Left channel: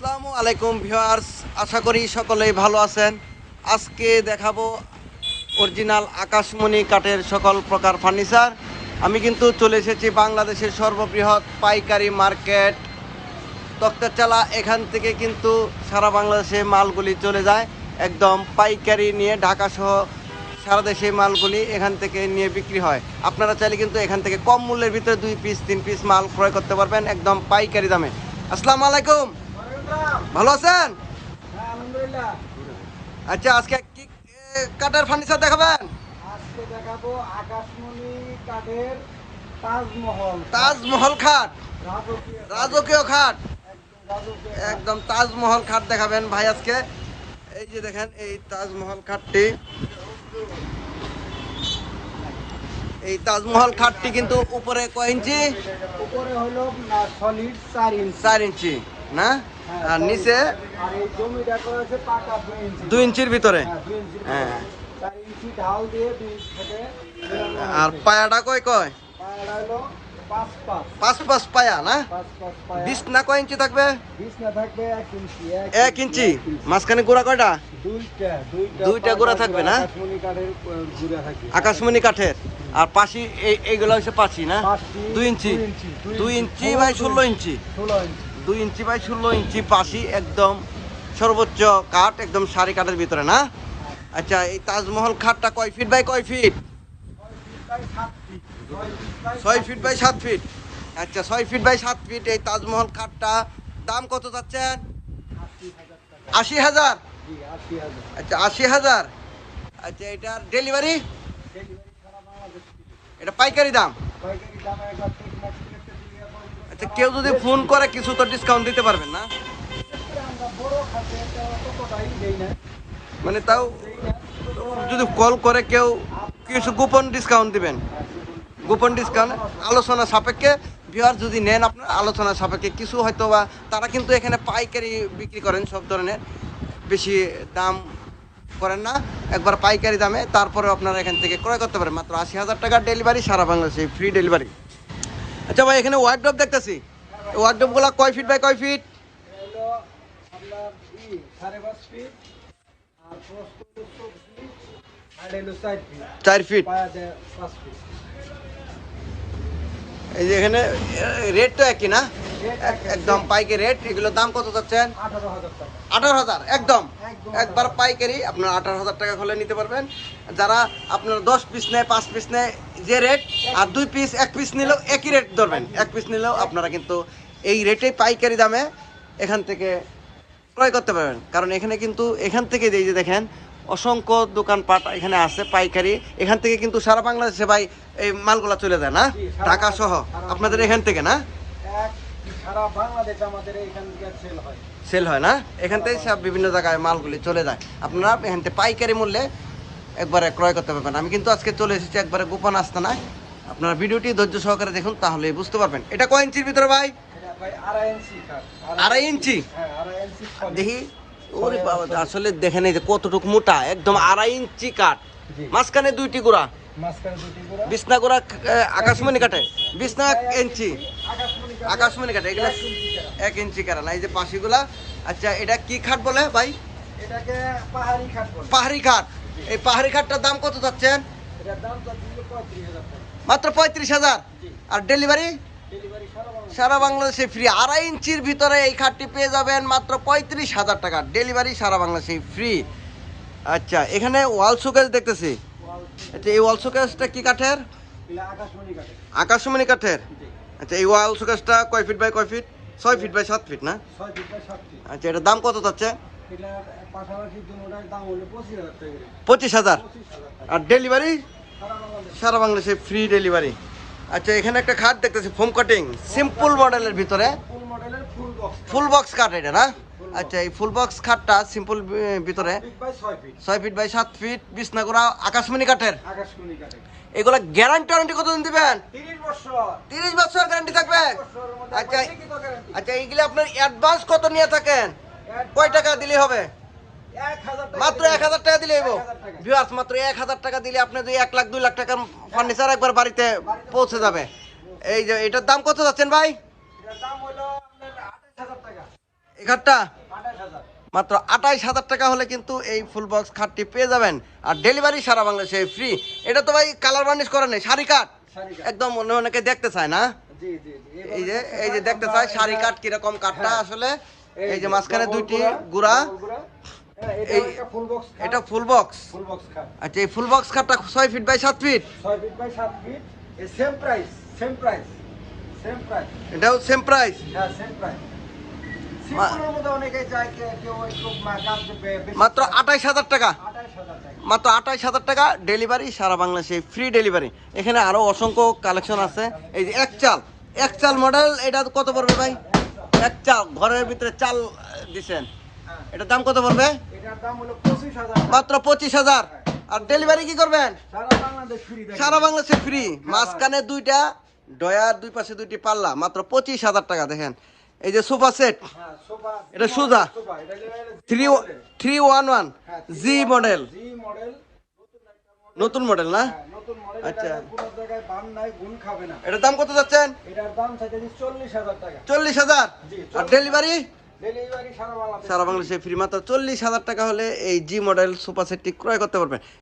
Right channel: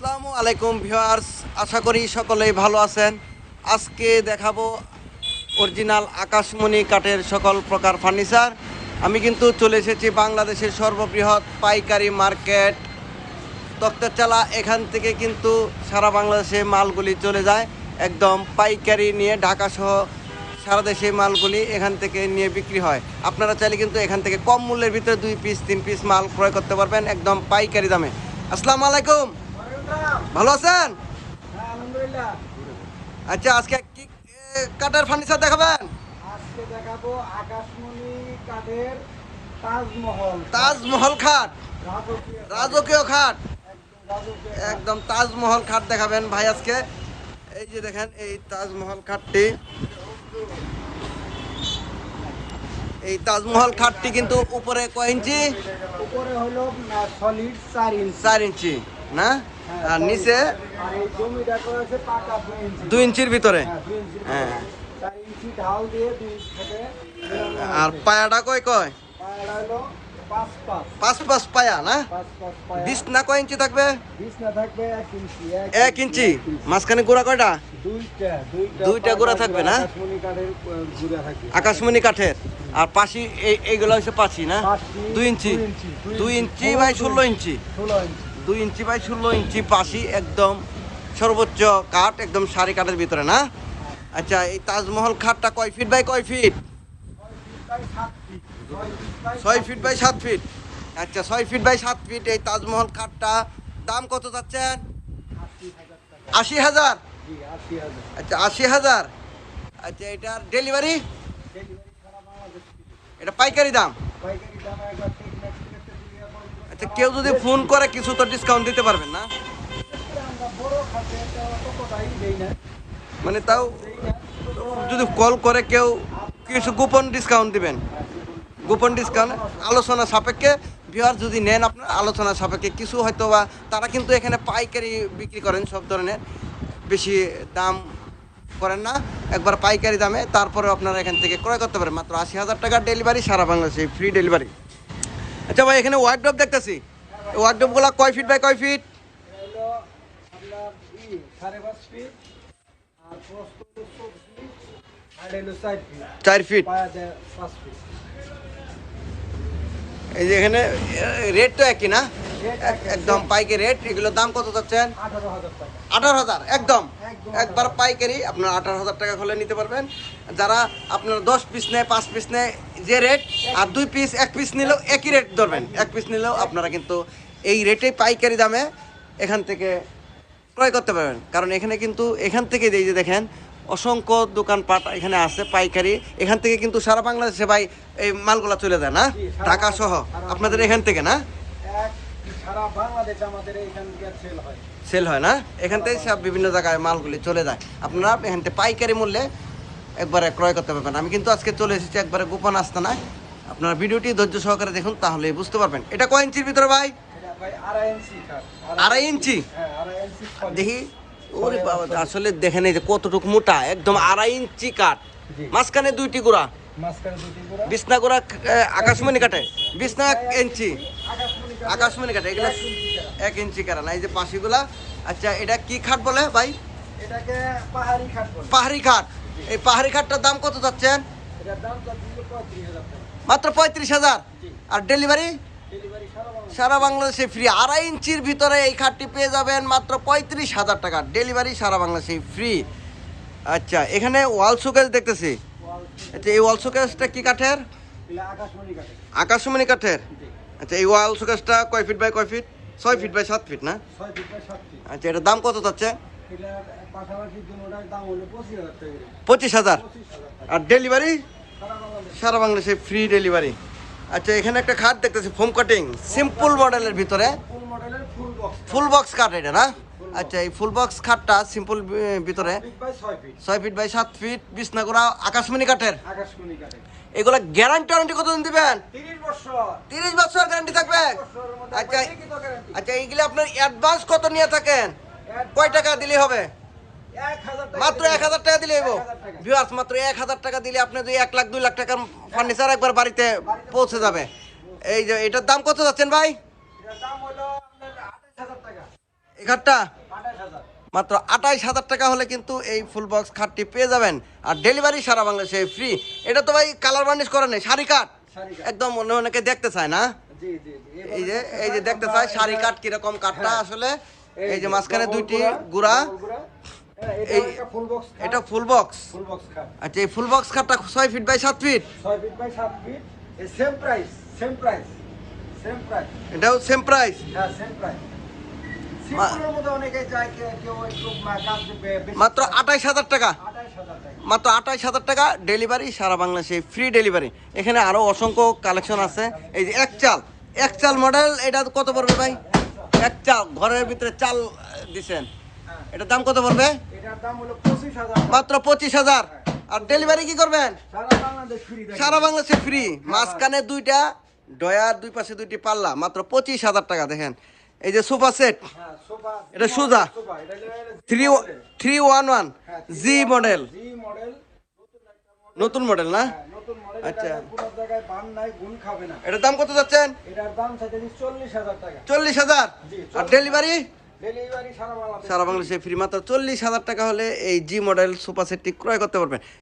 আসসালামু আলাইকুম ভিউয়ার্স, আশা করি সকলেই ভালো আছেন। আজকে দেখাবো অরিজিনাল আকাশমণি কাঠের সকল প্রকার ফার্নিচার। আমি কিন্তু চলে এসেছি বাংলাদেশের সর্ববৃহৎ পাইকারি মার্কেট। তক্তাচালা এখান থেকে কিন্তু সারা বাংলাদেশে মালগুলি চলে যায়। একদম পাইকারি নিয়ে ঢাকা সহ সারা দেশে মালগুলি এখান থেকে নিয়ে বিক্রি হয়। আপনারা চাইলে কিন্তু এখান থেকে কম মূল্যের ভিতরে দুই পিস তিন পিস মাল ক্রয় করতে পারবেন একদম পাইকারি দামে। আসসালামু আলাইকুম। ভালো আছেন? আচ্ছা আজকে কি কাঠের ফার্নিচার দেখাবেন? আজকে দেখাবো আকাশমণি কাঠের তাজমহল। তাজমহল খাট। রাজকীয় খাট। একদম একদম তাজমহল খাট দেখাবেন ভাই আজকে। এই যে দেখেন এই তাজমহল খাটটি। এই তাজমহল খাটটি কিন্তু উপরে কয় ইঞ্চি? উপরে হলো সলিড চার ইঞ্চি। চার ইঞ্চি না? আর নিচে দুই ইঞ্চির ভিতরে। হ্যাঁ, আর পায়াটা কয় কয়? পাঁচ পাঁচ পায়া না? পায়া বিছনা কয় ইঞ্চি থাকবে? এক ইঞ্চি। মাঝখানে গোড়া কয়টা? দুইটা গোড়া থাকবে না? আকাশমণি কাঠের। আর পাশি এই- এইগুলো হচ্ছে পাশি না? দুই ইঞ্চি। দুই ইঞ্চি, বাই ষোলো ইঞ্চি। দুই ইঞ্চি বাই ষোলো ইঞ্চি পাশি একদম সর্বোচ্চ কাঠ, একদম সারি কাঠের ভিতরে, না? আচ্ছা এই তাজমহল খাটটা কয় ফিট বাই কয় ফিট? ছয় ফিট বাই সাত ফিট। আচ্ছা ছয় ফিট বাই সাত ফিট এই তাজমহল খাটটা দাম কত যাচ্ছেন আশি হাজার? আচ্ছা আশি হাজার। আচ্ছা এটার ডেলিভারি? এটা পাইকারি দাম? আচ্ছা কেউ যদি ফোন করে, কিছু তো ডিসকাউন্ট দিতে পারবেন না। মানে তাও যদি কল করে, কেউ কিছু গোপন ডিসকাউন্ট দিবেন। গোপন ডিসকাউন্ট আলোচনা সাপেক্ষে বিহার যদি নেন আপনার, আলোচনা সাপেক্ষে কিছু হয়তো বা তারা কিন্তু এখানে পাইকারি বিক্রি করেন সব ধরনের। বেশি দাম করেন না, একবার পাইকারি দামে তারপরে আপনারা এখান থেকে ক্রয় করতে পারেন। মাত্র আশি হাজার টাকার ডেলিভারি সারা বাংলাদেশে ফ্রি ডেলিভারি আচ্ছা ভাই, এখানে ওয়ার্ড্রপ দেখতেছি। ওয়ার্ড্রপগুলো কয় ফিট বাই কয় ফিট চার ফিট এই যে এখানে রেটটা একই না? একদম পাইকারি রেট এগুলোর দাম কত যাচ্ছেন আঠারো হাজার, একদম। একবার পাইকারি, আপনার আঠারো হাজার টাকা হলে নিতে পারবেন। যারা আপনার দশ পিস নেয়, পাঁচ পিস নেয়, যে রেট আর দুই পিস এক পিস নিলেও একই রেট ধরবেন। এক পিস নিলেও আপনারা কিন্তু এই রেটে পাইকারি দামে এখান থেকে ক্রয় করতে পারবেন। কারণ এখানে কিন্তু, এখান থেকে এই যে দেখেন, অসংখ্য দোকানপাট এখানে আছে পাইকারি। এখান থেকে কিন্তু সারা বাংলাদেশে ভাই এই মালগুলা চলে যায় না? ঢাকা সহ। আপনাদের এখান থেকে না? সারা বাংলাদেশ আমাদের এখান থেকে সেল হয়। সেল হয় না? এখান থেকে সব বিভিন্ন জায়গায় মালগুলি চলে যায়। আপনারা এখান থেকে পাইকারি মূল্যে একবারে ক্রয় করতে পারবেন। আমি কিন্তু আজকে চলে এসেছি একবারে গোপন আস্তানায়। আপনারা ভিডিওটি ধৈর্য সহকারে দেখুন তাহলে বুঝতে পারবেন। এটা কয় ইঞ্চির ভিতরে ভাই? আড়াই ইঞ্চি হ্যাঁ। দেখি। ওরে বাবা আসলে দেখেন এই যে কতটুকু মোটা একদম আড়াই ইঞ্চি কাঠ। মাঝখানে দুইটি গোড়া। বিছনা গোড়া আকাশমণি কাটে বিছনা ইঞ্চি। আকাশমণি কাঠ। এগুলা এক ইঞ্চি কাটা না এই যে পাশিগুলা। আচ্ছা এটা কি খাট বলে ভাই? পাহাড়ি খাট এই পাহাড়ি খাটটার দাম কত যাচ্ছেন। মাত্র পঁয়ত্রিশ হাজার? আর ডেলিভারি? ডেলিভারি সারা বাংলাদেশে। ফ্রি। আড়াই ইঞ্চির ভিতরে এই খাটটি পেয়ে যাবেন মাত্র পঁয়ত্রিশ হাজার টাকা। ডেলিভারি সারা বাংলাদেশে ফ্রি। আচ্ছা এখানে ওয়াল শোকেস দেখতেছি। আচ্ছা এই ওয়াল শোকেসটা কি কাঠের? আকাশমণি কাঠের। আচ্ছা এই ওয়াল শোকেসটা কয় ফিট বাই কয় ফিট ছয় ফিট বাই সাত ফিট না। আচ্ছা এটার দাম কত হলো পঁচিশ হাজার। আর ডেলিভারি সারা বাংলাদেশে। ফ্রি ডেলিভারি আচ্ছা এখানে একটা খাট দেখতেছি ফোম কাটিং সিম্পল মডেলের ভিতরে। Full box. ফুল বক্স খাট এটা না? আচ্ছা এই ফুল বক্স খাটটা সিম্পল ভিতরে ছয় ফিট। বাই সাত ফিট আকাশমণি কাঠের। আকাশমণি কাঠের। এগুলো গ্যারান্টি ওয়ারেন্টি কতদিন দিবেন? তিরিশ বছর। গ্যারান্টি থাকবে? আচ্ছা। আচ্ছা এইগুলো আপনার অ্যাডভান্স কত নিয়ে থাকেন? কয় টাকা দিলে হবে? মাত্র এক হাজার টাকা দিলে ভিউয়ার্স মাত্র এক হাজার টাকা দিলে আপনাদের এক লাখ দুই লাখ টাকার ফার্নিচার একবার বাড়িতে পৌঁছে যাবে। এই যে এটার দাম কত যাচ্ছেন ভাই? এই খাটটা মাত্র আঠাইশ হাজার টাকা হলে কিন্তু এই ফুল বক্স খাটটি পেয়ে যাবেন। আর ডেলিভারি সারা বাংলাদেশে ফ্রি এটা তো ভাই কালার বার্নিশ করে নেই শাড়ি কাট। একদম অন্য অনেকে দেখতে চায় না? এই যে এই যে দেখতে চায় শাড়ি কাট কীরকম কাঠটা আসলে? এই যে মাঝখানে দুইটি গুড়া। এই- এই এটা ফুল বক্স আচ্ছা এই ফুল বক্স খাটটা ছয় ফিট বাই সাত ফিট এটাও সেম প্রাইস মাত্র আঠাইশ হাজার টাকা। মাত্র আঠাইশ হাজার টাকা ডেলিভারি, সারা বাংলাদেশে ফ্রি ডেলিভারি এখানে আরও অসংখ্য কালেকশন আছে। এই যে এক চাল এক চাল মডেল এটা কত পড়বে ভাই? এক চাল ঘরের ভিতরে চাল দিচ্ছেন এটার দাম কত পড়বে? মাত্র পঁচিশ হাজার। আর ডেলিভারি কি করবেন? সারা বাংলাদেশে ফ্রি মাঝখানে দুইটা, ডয়ার দুই পাশে দুইটি পাল্লা। মাত্র পঁচিশ হাজার টাকা, দেখেন। এই যে সোফা সেট। এটা সুজা। Three three one one G model নতুন মডেল না? আচ্ছা। এটার দাম কত যাচ্ছেন? চল্লিশ হাজার। আর ডেলিভারি সারা বাংলাদেশে ফ্রি মাত্র চল্লিশ হাজার টাকা হলে এই জি মডেল সুপার সেটটি ক্রয় করতে পারবেন।